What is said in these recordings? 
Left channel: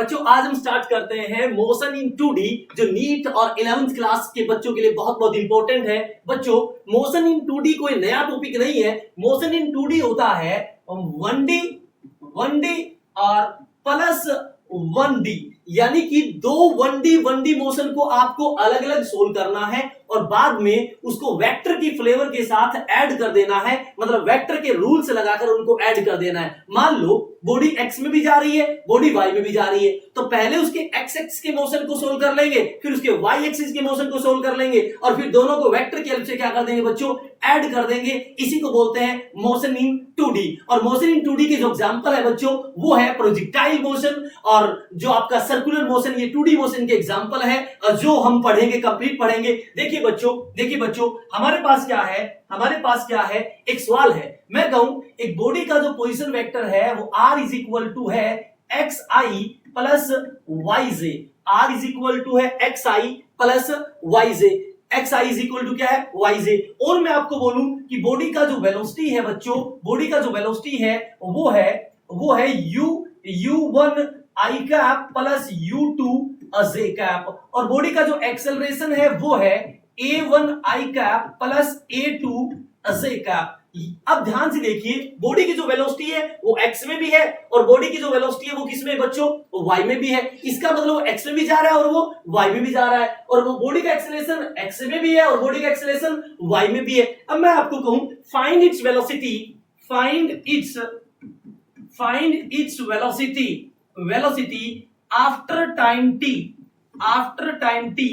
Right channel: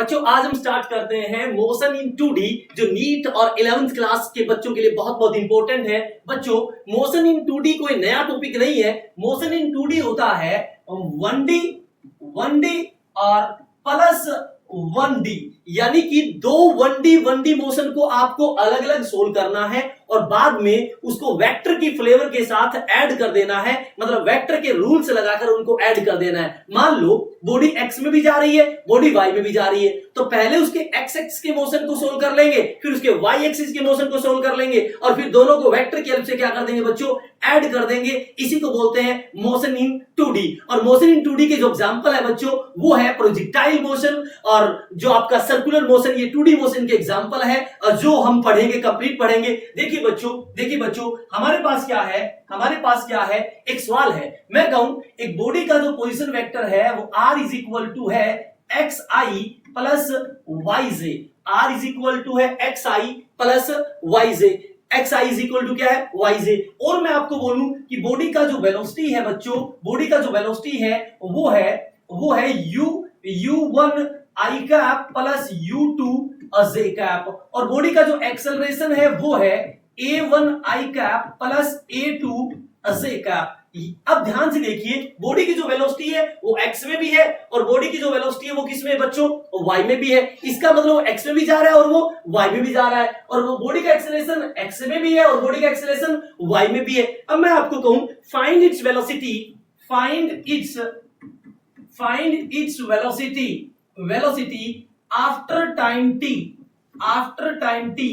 बच्चों आज हम स्टार्ट करते हैं मोशन इन 2D जो नीट और 11th क्लास के बच्चों के लिए बहुत बहुत इंपॉर्टेंट है। बच्चों मोशन इन 2D कोई नया टॉपिक नहीं है। मोशन इन 2D होता है 1D और प्लस 1D, यानी कि दो 1D मोशन को आपको अलग अलग सोल्व करना है और बाद में उसको वेक्टर की फ्लेवर के साथ ऐड कर देना है, मतलब वेक्टर के रूल्स लगाकर उनको ऐड कर देना है। मान लो बॉडी एक्स में भी जा रही है, बॉडी वाई में भी जा रही है, तो पहले उसके एक्स एक्सिस के मोशन को सोल्व कर लेंगे, फिर उसके वाई एक्सिस के मोशन को सोल्व कर लेंगे और फिर दोनों को वेक्टर की हेल्प से क्या कर देंगे बच्चों, ऐड कर देंगे। इसी को बोलते हैं मोशन इन 2D। और मोशन इन 2D के जो एग्जांपल है बच्चों वो है प्रोजेक्टाइल मोशन और जो आपका सर्कुलर मोशन, ये 2D मोशन के एग्जांपल है और जो हम पढ़ेंगे, कंप्लीट पढ़ेंगे। देखिए बच्चों हमारे पास क्या है, एक सवाल है। मैं कहूं एक बॉडी का जो पोजीशन वेक्टर है वो r इज इक्वल टू है xi plus yj। r is equal to है xi plus yj। xi is equal to क्या है, yj। और मैं आपको बोलूं कि बॉडी का जो वेलोसिटी है बच्चों, बॉडी का जो वेलोसिटी है वो है u1 i cap plus u2 j cap, और बॉडी का जो एक्सेलरेशन है वो है a1 i cap plus a2 j cap. अब ध्यान से देखिए, बॉडी की जो वेलोसिटी है वो x में भी है और बॉडी की जो वेलोसिटी है वो किस में है बच्चों, y में भी है। इसका मतलब वो x में भी जा रहा है और वो y में भी जा रहा है, और वो बॉडी का एक्सेलरेशन x में भी है और बॉडी का एक्सेलरेशन y में भी है। अब मैं आपको कहूं find its velocity, velocity after time t,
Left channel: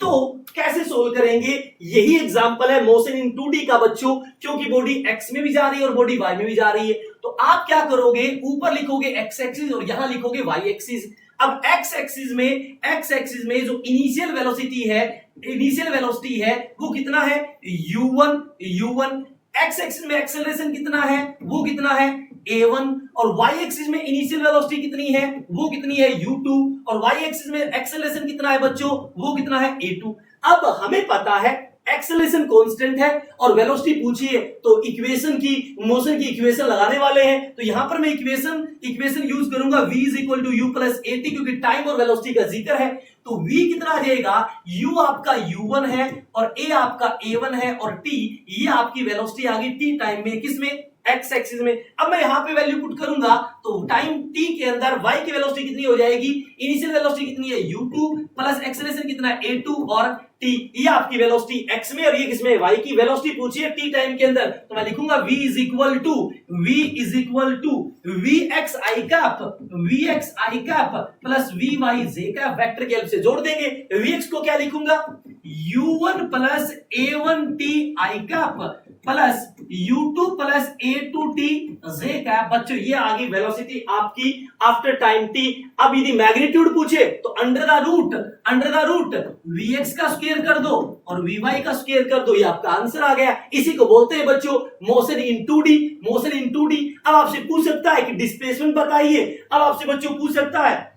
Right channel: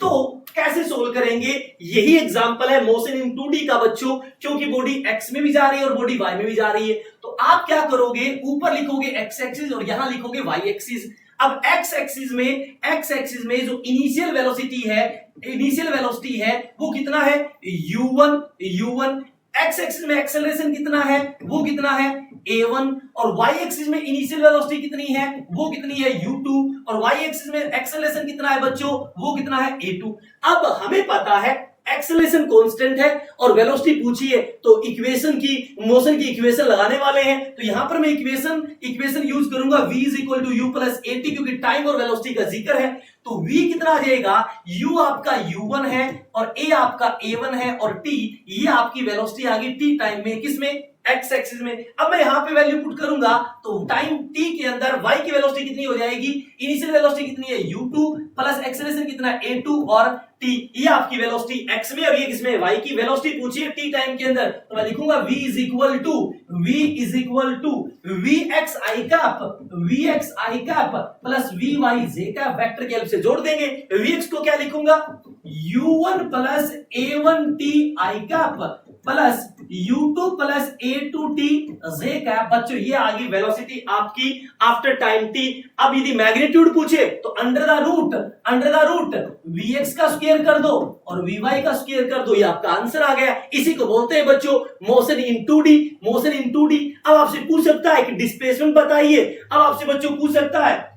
तो कैसे सोल्व करेंगे? यही एग्जांपल है मोशन इन 2D का बच्चों, क्योंकि बॉडी x में भी जा रही है और बॉडी y में भी जा रही है। तो आप क्या करोगे, ऊपर लिखोगे x एक्सिस और यहां लिखोगे y एक्सिस। अब x एक्सिस में जो इनिशियल वेलोसिटी है वो कितना है, u1। x एक्सिस में एक्सेलरेशन कितना है, वो कितना है a1, और y एक्सिस में इनिशियल वेलोसिटी कितनी है, वो कितनी है u2, और y एक्सिस में एक्सेलरेशन कितना है बच्चों, वो कितना है a2। अब हमें पता है एक्सेलरेशन कांस्टेंट है और वेलोसिटी पूछी है, तो इक्वेशन की, मोशन की इक्वेशन लगाने वाले हैं। तो यहां पर मैं इक्वेशन यूज करूंगा v is equal to u plus at, क्योंकि टाइम और वेलोसिटी का जिक्र है। तो v कितना आ जाएगा, u आपका u1 है और a आपका a1 है और t ये आपकी वेलोसिटी आ गई t टाइम में, किसमें, x एक्सिस में। अब मैं यहां पे वैल्यू पुट करूंगा तो टाइम t के अंदर y की वेलोसिटी कितनी हो जाएगी, इनिशियल वेलोसिटी कितनी है u2 प्लस एक्सेलरेशन कितना है a2 और t, ये आपकी वेलोसिटी x में और ये किसमें, y की वेलोसिटी पूछी है t टाइम के अंदर। तो मैं लिखूंगा v is equal to vxi cap plus vyj cap, vector की हेल्प से जोड़ देंगे। vx को क्या लिखूंगा, u1 plus a1t i cap plus u2 plus a2t j cap. बच्चों ये आ गई वेलोसिटी आपकी आफ्टर टाइम t। अब यदि मैग्नीट्यूड पूछे तो अंडर द रूट vx का स्क्वायर कर दो और vy का स्क्वायर कर दो, ये आपका आंसर आ गया। इसी को बोलते हैं बच्चों मोशन इन 2D। अब आपसे पूछ सकता है कि डिस्प्लेसमेंट बताइए,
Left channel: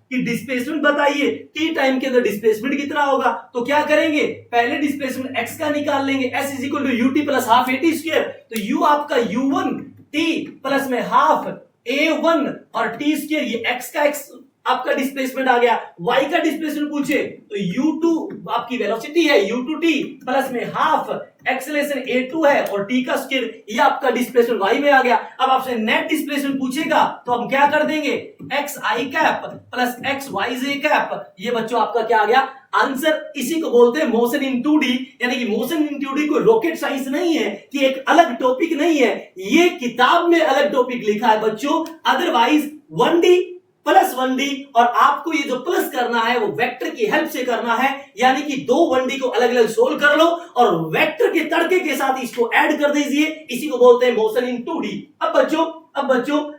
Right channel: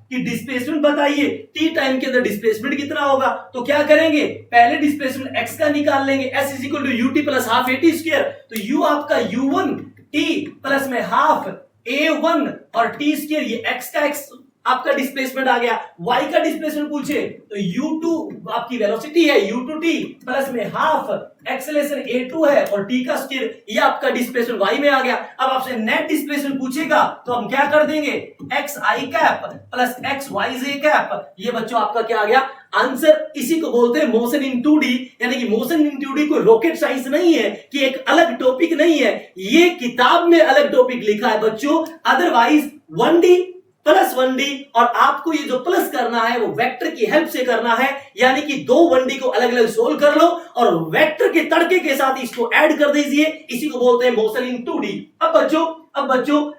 कि डिस्प्लेसमेंट बताइए, टी टाइम के अंदर डिस्प्लेसमेंट कितना होगा। तो क्या करेंगे, पहले डिस्प्लेसमेंट x का निकाल लेंगे, s is equal to ut plus half at square. तो u आपका u1 t प्लस में हाफ a1 और t स्क्वायर, ये x का x आपका डिस्प्लेसमेंट आ गया। y का डिस्प्लेसमेंट पूछे तो u2 आपकी वेलोसिटी है u2t प्लस में हाफ एक्सेलरेशन a2 है और t का स्क्वायर, ये आपका डिस्प्लेसमेंट y में आ गया। अब आपसे नेट डिस्प्लेसमेंट पूछेगा तो हम क्या कर देंगे, xi cap plus xyj cap, ये बच्चों आपका क्या आ गया, आंसर। इसी को बोलते हैं मोशन इन 2D, यानी कि मोशन इन 2D को रॉकेट साइंस नहीं है कि एक अलग टॉपिक नहीं है, ये किताब में अलग टॉपिक लिखा है बच्चों। अदरवाइज 1D प्लस 1D, और आपको ये जो प्लस करना है वो वेक्टर की हेल्प से करना है, यानी कि दो 1D को अलग अलग सोल्व कर लो और वेक्टर के तड़के के साथ इसको ऐड कर दीजिए। इसी को बोलते हैं मोशन इन 2D। अब बच्चों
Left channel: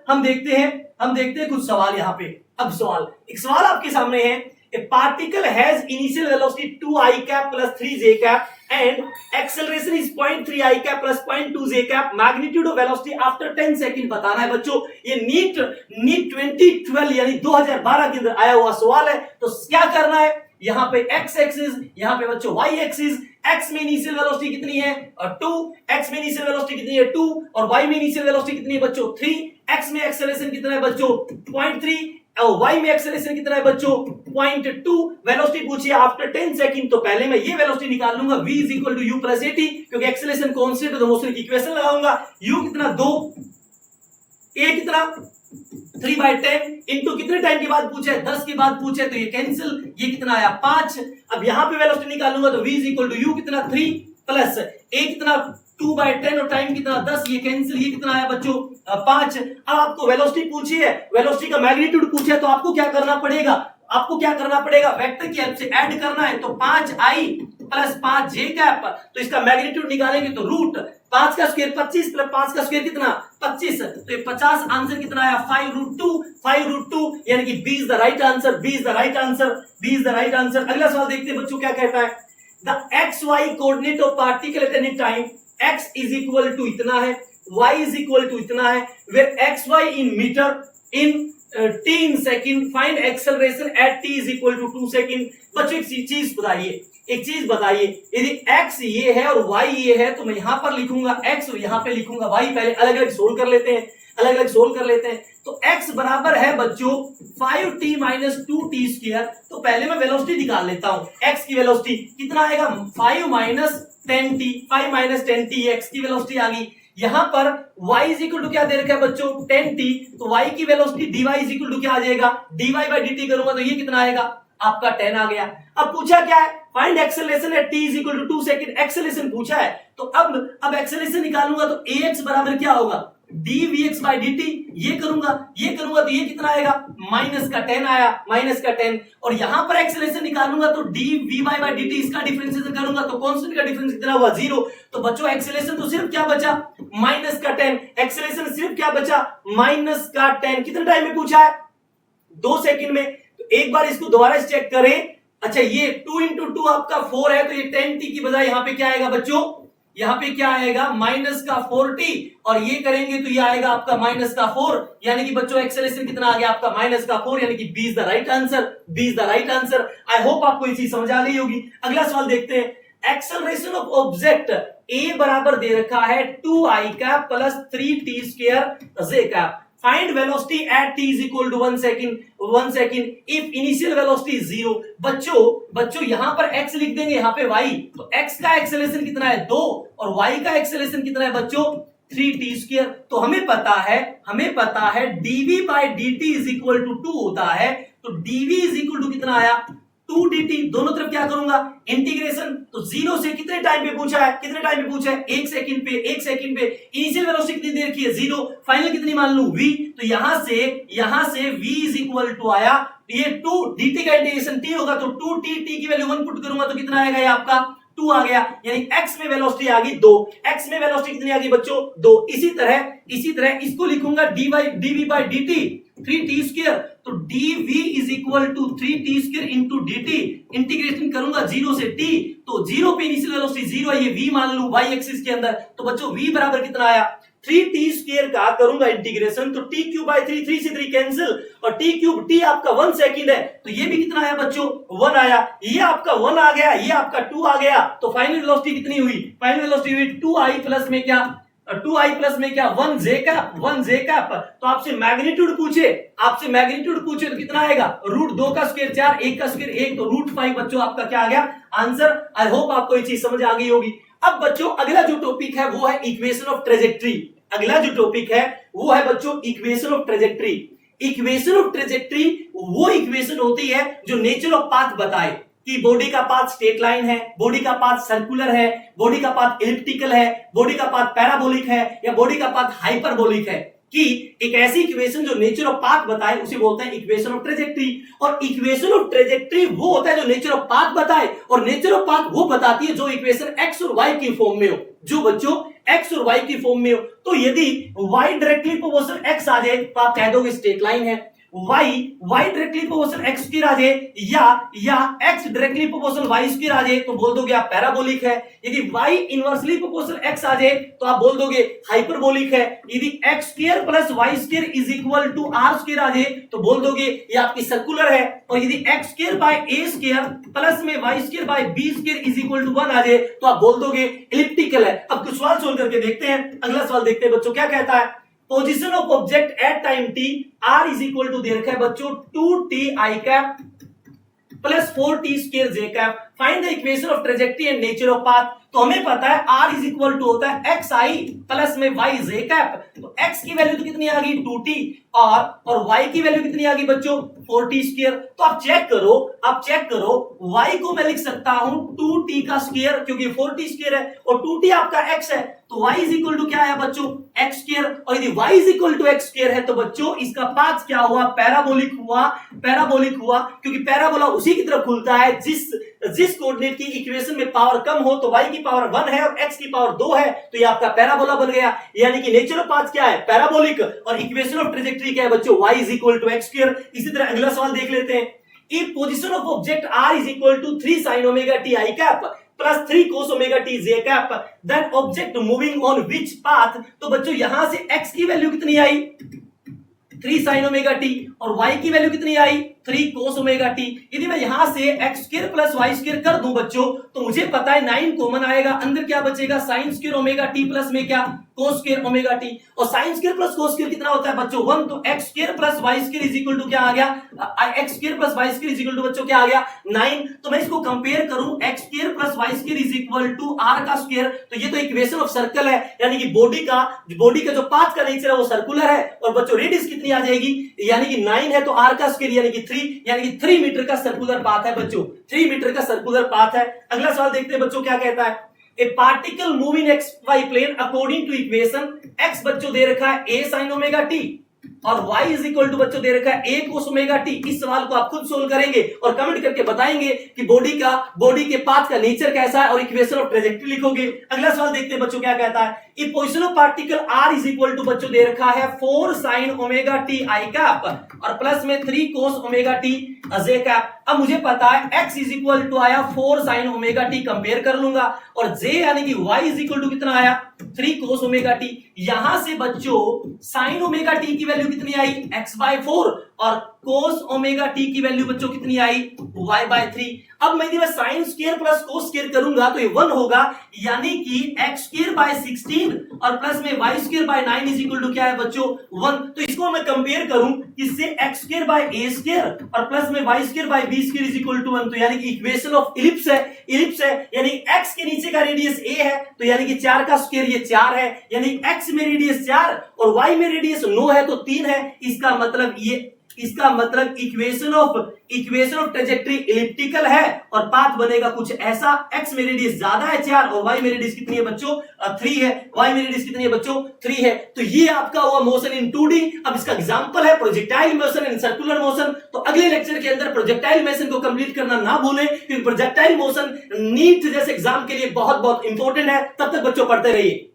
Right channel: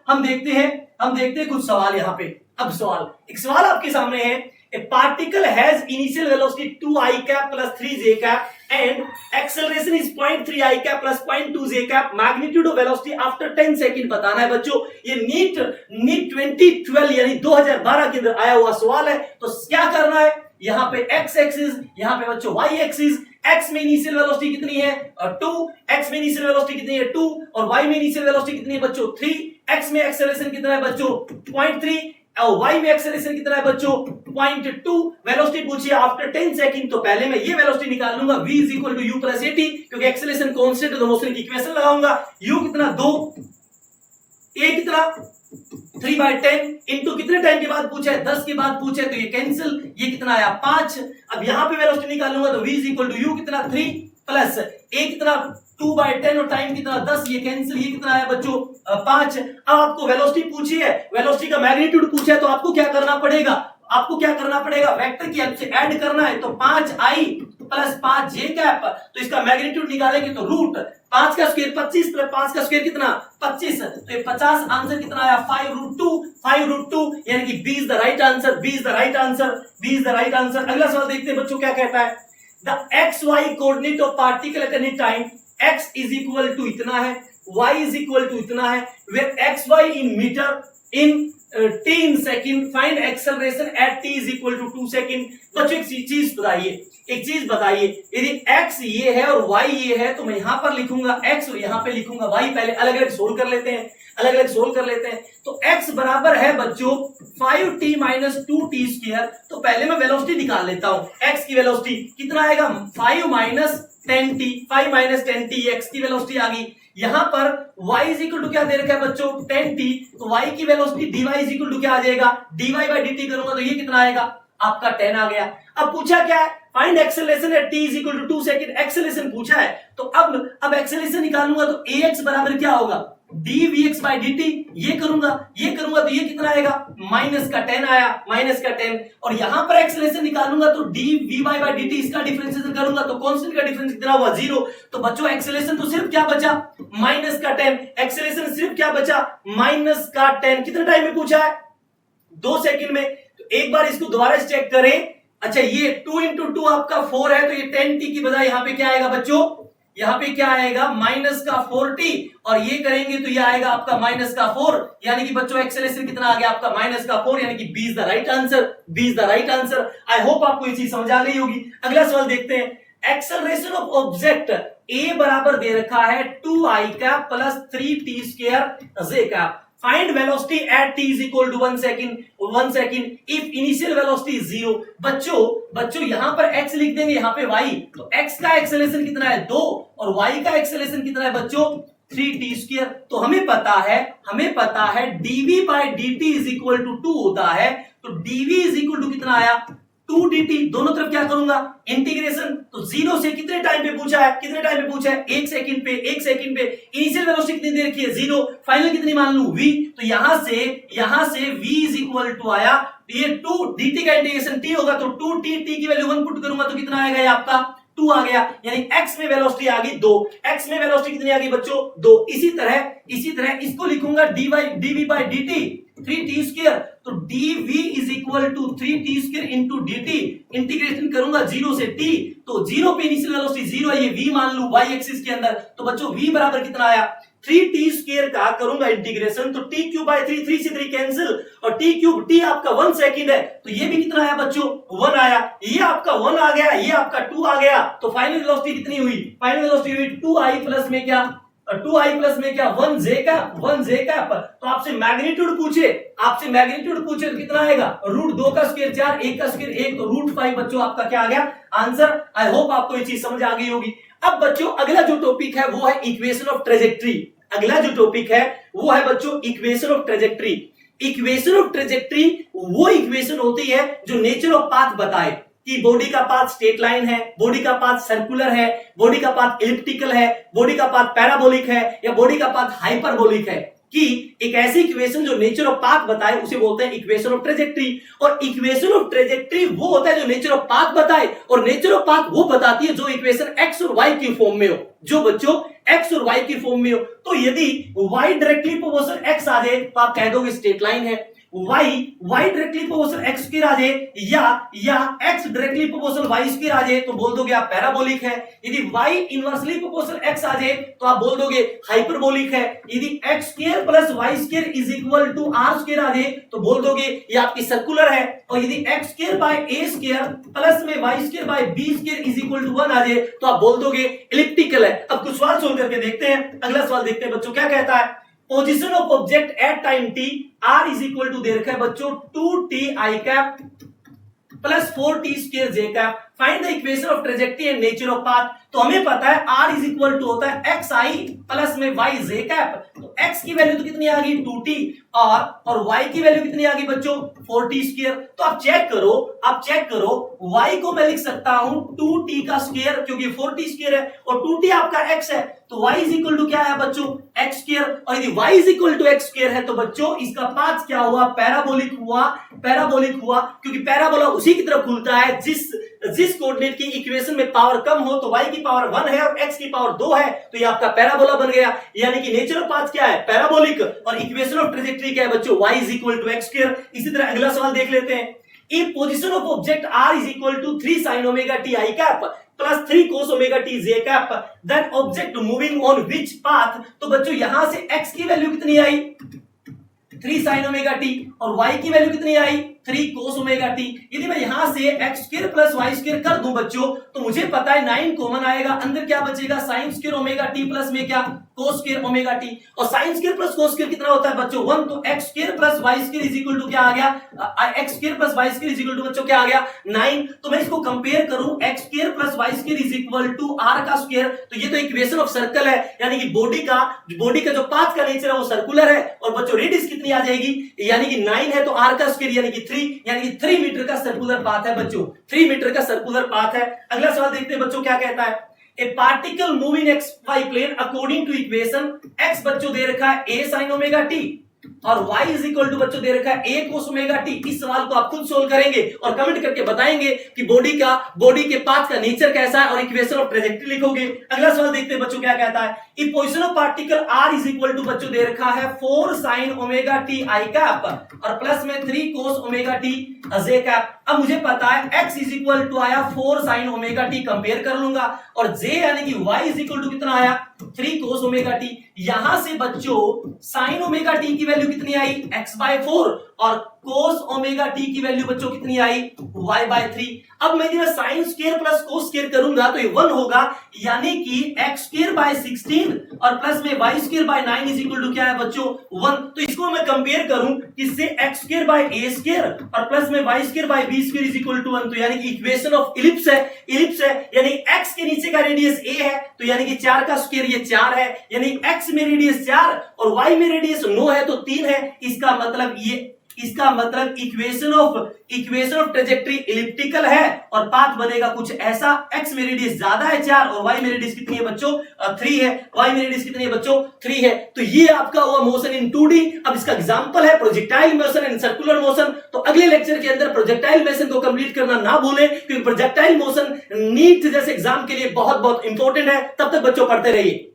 हम देखते हैं कुछ सवाल यहाँ पे। अब एक सवाल आपके सामने है, a particle has initial velocity 2i cap plus 3j cap and acceleration is 0.3 i cap plus 0.2 j cap, magnitude of velocity after 10 second बताना है बच्चों। ये नीट 2012 यानी 2012 के अंदर आया हुआ सवाल है। तो क्या करना है, यहाँ पे x एक्सिस, यहाँ पे बच्चों y एक्सिस। x में इनिशियल वेलोसिटी कितनी है 2, x में इनिशियल वेलोसिटी कितनी है 2 और y में इनिशियल वेलोसिटी कितनी है बच्चों 3, x में एक्सेलरेशन कितना है बच्चों 0.3, और y में एक्सेलरेशन कितना है बच्चों 0.2। वेलोसिटी पूछिए आफ्टर 10 सेकंड, तो पहले मैं ये वेलोसिटी निकाल लूंगा v is equal to u plus at, क्योंकि एक्सेलरेशन कांस्टेंट है तो मोशन की इक्वेशन लगाऊंगा। u कितना 2, a कितना 3/10 इंटू कितने टाइम के बाद पूछा है 10 के बाद पूछा है तो ये कैंसिल, ये कितना आया 5। अब यहां पे वेलोसिटी निकालूंगा तो v is equal to u कितना 3 प्लस a कितना 2/10 और टाइम कितना 10, ये कैंसिल, ये कितना आया बच्चों 5। अब आपको वेलोसिटी पूछी है, वेलोसिटी का मैग्नीट्यूड पूछा है, तो आपको क्या करना पड़ेगा, आपको क्या करना पड़ेगा, वेक्टर की हेल्प से ऐड करना है। तो 5i प्लस 5j कैप, तो इसका मैग्नीट्यूड निकालेंगे तो रूट 5 का स्क्वायर 25 प्लस 5 का स्क्वायर कितना 25, तो ये 50 आंसर कितना आया 5√2 यानी कि B is the right answer, B is the right answer, B is the right answer. अगला सवाल देखते हैं बच्चों क्या कहता है। The XY coordinate of particle at any time x is equal to इतना है, y इज इक्वल टू इतना है, where xy in metre in t in second, find acceleration at t is equal to 2 second. बच्चों एक चीज बताइए, यदि x ये है और y ये है तो मैं यहां पर लिखूंगा x और यहां पे लिखूंगा y। पहले अलग अलग सोल्व कर लेते हैं, तो x बराबर है बच्चों 5t माइनस 2t स्क्वायर। तो पहले मैं वेलोसिटी निकाल लेता हूं, x की वेलोसिटी कितना आएगा 5 माइनस 10t, x की वेलोसिटी आ गई। यहां पर y इज इक्वल टू क्या दे रखा है बच्चों 10t, तो y की velocity dy is equal to क्या आ जाएगा dy बाई dt करूंगा तो ये कितना आएगा आपका 10 आ गया। अब पूछा क्या है, find acceleration at t is equal to 2 second, acceleration पूछा है, तो अब एक्सेलरेशन निकालूंगा तो ax बराबर क्या होगा dvx बाई dt, ये करूंगा तो ये कितना आएगा माइनस का 10 आया, माइनस का 10। और यहां पर एक्सेलरेशन निकालूंगा तो dvy बाई dt, इसका डिफरेंशिएशन करूंगा तो कांस्टेंट का डिफरेंस कितना हुआ 0। तो बच्चों एक्सेलरेशन तो सिर्फ क्या बचा माइनस का 10, एक्सेलरेशन सिर्फ क्या बचा माइनस का 10। कितने टाइम में पूछा है 2 सेकंड में। तो एक बार इसको दोबारा चेक करें। अच्छा ये 2 इंटू 2 आपका 4 है, तो ये 10t की बजाय यहां पे क्या आएगा बच्चों, यहां पे क्या आएगा माइनस का 4t, और ये करेंगे तो ये आएगा आपका माइनस का 4, यानी कि बच्चों एक्सेलरेशन कितना आ गया आपका माइनस का 4, यानी कि B is the right answer, B is the right answer. I hope आपको ये चीज समझ आ गई होगी। अगला सवाल देखते हैं। एक्सेलरेशन ऑफ ऑब्जेक्ट A बराबर दे रखा है 2i cap plus 3t square j cap. Find velocity at t is equal to 1 second if initial velocity is 0। बच्चों यहां पर x लिख देंगे, यहां पे y, तो x का एक्सेलरेशन कितना है 2 और y का एक्सेलरेशन कितना है बच्चों 3t स्क्वायर। तो हमें पता है dv by dt is equal to 2 होता है, तो dv इज इक्वल टू कितना आया 2dt। दोनों तरफ क्या करूंगा इंटीग्रेशन, तो 0 से कितने टाइम पे पूछा है 1 सेकंड पे। इनिशियल वेलोसिटी कितनी दे रखी है 0, फाइनल कितनी मान लूं v, तो यहां से v इज इक्वल टू आया, ये 2 dt का इंटीग्रेशन t होगा तो 2t, t की वैल्यू 1 पुट करूंगा तो कितना आएगा ये आपका 2 आ गया, यानी x में वेलोसिटी आ गई 2। x में वेलोसिटी कितनी आ गई बच्चों 2। इसी तरह इसको लिखूंगा dv by dt 3t square, तो dv is equal to 3t square into dt, integration करूंगा 0 से t, तो 0 पे इनिशियल वेलोसिटी 0 है, ये v मान लूं y एक्सिस के अंदर, तो बच्चों v बराबर कितना आया 3t स्क्वायर का करूंगा इंटीग्रेशन, तो t क्यूब बाई 3 से 3 कैंसिल, और t क्यूब t आपका 1 सेकंड है, तो ये भी कितना आया बच्चों 1 आया, ये आपका 1 आ गया, ये आपका 2 आ गया, तो फाइनल वेलोसिटी कितनी हुई, फाइनल वेलोसिटी हुई 2i प्लस में क्या 1j कैप। तो आपसे मैग्नीट्यूड पूछे तो कितना आएगा √2 का स्क्वायर 4, 1 का स्क्वायर 1, तो √5 बच्चों आपका क्या आ गया आंसर। आई होप आपको ये चीज समझ आ गई होगी। अब बच्चों अगला जो टॉपिक है वो है इक्वेशन ऑफ ट्रेजेक्ट्री। अगला जो टॉपिक है वो है बच्चों equation of trajectory. Equation of trajectory वो इक्वेशन होती है जो नेचर ऑफ पाथ बताए कि बॉडी का पाथ स्ट्रेट लाइन है, बॉडी का पाथ सर्कुलर है, बॉडी का पाथ इलिप्टिकल है, बॉडी का पाथ पैराबोलिक है, या बॉडी का पाथ हाइपरबोलिक है, कि एक ऐसी इक्वेशन जो नेचर ऑफ पाथ बताए उसे बोलते हैं इक्वेशन ऑफ ट्रेजेक्ट्री। और इक्वेशन ऑफ ट्रेजेक्ट्री वो होता है जो नेचर ऑफ पाथ बताए, और नेचर ऑफ पाथ वो बताती है जो इक्वेशन एक्स और वाई की फॉर्म में हो, जो बच्चों एक्स और वाई की फॉर्म में हो। तो यदि वाई डायरेक्टली प्रोपोर्शनल एक्स आ जाए तो आप कह दोगे स्ट्रेट लाइन है, y directly proportional x square आ जाए, या x directly proportional y square आ जाए तो बोल दोगे आप पैराबोलिक है। यदि y इनवर्सली प्रोपोर्शनल x आ जाए तो आप बोल दोगे हाइपरबोलिक है। यदि x square plus y square is equal to r square आ जाए तो बोल दोगे ये आपकी सर्कुलर है। और यदि x square by a square plus में y square by b square is equal to 1 आ जाए तो आप बोल दोगे इलिप्टिकल है। अब कुछ सवाल सोल्व करके देखते हैं। अगला सवाल देखते हैं बच्चों क्या कहता है। Position of object at time t r is equal to दे रखा है बच्चों 2t i cap plus 4t square j cap. Find the equation of trajectory and nature of path. तो हमें पता है r इज इक्वल टू होता है एक्स आई प्लस में y जे कैप। तो x की वैल्यू तो कितनी आ गई 2t और y की वैल्यू कितनी आ गई बच्चों 4t स्क्वायर। तो आप चेक करो y को मैं लिख सकता हूं 2t का स्क्वायर क्योंकि 4t स्क्वायर है और 2t आपका x है तो y इज इक्वल टू क्या है बच्चों x स्क्वायर। और यदि y is equal to x square है तो बच्चों इसका पाथ क्या हुआ पैराबोलिक हुआ क्योंकि पैराबोला उसी की तरफ खुलता है जिस कोऑर्डिनेट की इक्वेशन में पावर कम हो। तो y की पावर 1 है और x की पावर 2 है तो ये आपका पैराबोला बन गया। यानी कि नेचर ऑफ पाथ क्या है पैराबोलिक और इक्वेशन ऑफ ट्रेजेक्टरी क्या है बच्चों y is equal to x square. इसी तरह अगला सवाल देख लेते हैं। If position of object r is equal to 3 sin omega t i cap plus 3 cos omega t j cap then object moving on which path. तो बच्चों यहां से x की वैल्यू कितनी आई 3 sin ओमेगा t और y की value कितनी आई 3 cos ओमेगा t। यदि मैं यहां से x square plus y square कर दूं बच्चों तो मुझे पता है 9 कॉमन आएगा, अंदर क्या बचेगा sin square omega t plus में क्या cos स्क्वायर ओमेगा t और sin square plus cos square कितना होता है बच्चों 1। तो x square plus y square is equal to क्या आ गया x square plus y square is equal to बच्चों क्या आ गया 9। तो मैं इसको कंपेयर करूं x square plus y square is equal to r का स्क्वायर। तो ये तो इक्वेशन ऑफ सर्कल है यानी कि बॉडी का जो पाथ का नेचर है वो सर्कुलर है और बच्चों रेडियस कितनी आ जाएगी यानी कि 9 है तो r का स्क्वायर यानी कि 3 मीटर का सर्कुलर पाथ है बच्चों 3 मीटर का सर्कुलर पाथ है। अगला सवाल देखते हैं बच्चों क्या कहता है। A particle move in x y plane according to equation x बच्चों दे रखा है a sin ओमेगा t और y इज इक्वल टू बच्चों दे रखा है a cos ओमेगा t। इस सवाल को आप खुद सोल्व करेंगे और कमेंट करके बताएंगे कि बॉडी के पाथ का नेचर कैसा है और इक्वेशन ऑफ ट्रेजेक्टरी लिखोगे। अगला सवाल देखते हैं बच्चों क्या कहता है। If position of particle r is equal to बच्चों दे रखा है 4 sin omega t i cap और प्लस में 3 cos omega t j cap. अब मुझे पता है x इज इक्वल टू आया 4 sin ओमेगा t कंपेयर कर लूंगा और j यानी कि y इज इक्वल टू कितना आया 3 cos ओमेगा t। यहां से बच्चों sin ओमेगा t की वैल्यू कितनी आई x/4 और cos ओमेगा t की वैल्यू बच्चों कितनी आई y/3। अब मैं sin square plus cos square करूंगा तो ये 1 होगा यानी कि x²/16 और प्लस में y²/9 इज इक्वल टू क्या है बच्चों 1। तो इसको मैं कंपेयर करूं किससे x²/a² और प्लस में y²/b² इज इक्वल टू 1। तो यानी कि इक्वेशन ऑफ इलिप्स है यानी x के नीचे का रेडियस a है तो यानी कि 4 का स्क्वायर ये 4 है यानी x में रेडियस 4 और y में रेडियस 9 है तो 3 है। इसका मतलब इक्वेशन ऑफ ट्रेजेक्टरी इलिप्टिकल है और पाथ बनेगा कुछ ऐसा। x में रेडियस ज्यादा है 4 और y में रेडियस कितनी है बच्चों 3 है। y में रेडियस कितनी है बच्चों 3 है। तो ये आपका हुआ मोशन इन 2D। अब इसका एग्जांपल है projectile motion and circular motion. तो अगले लेक्चर के अंदर प्रोजेक्टाइल मोशन को कंप्लीट करना ना भूलें क्योंकि प्रोजेक्टाइल मोशन नीट जैसे एग्जाम के लिए बहुत बहुत इंपॉर्टेंट है। तब तक बच्चों पढ़ते रहिए।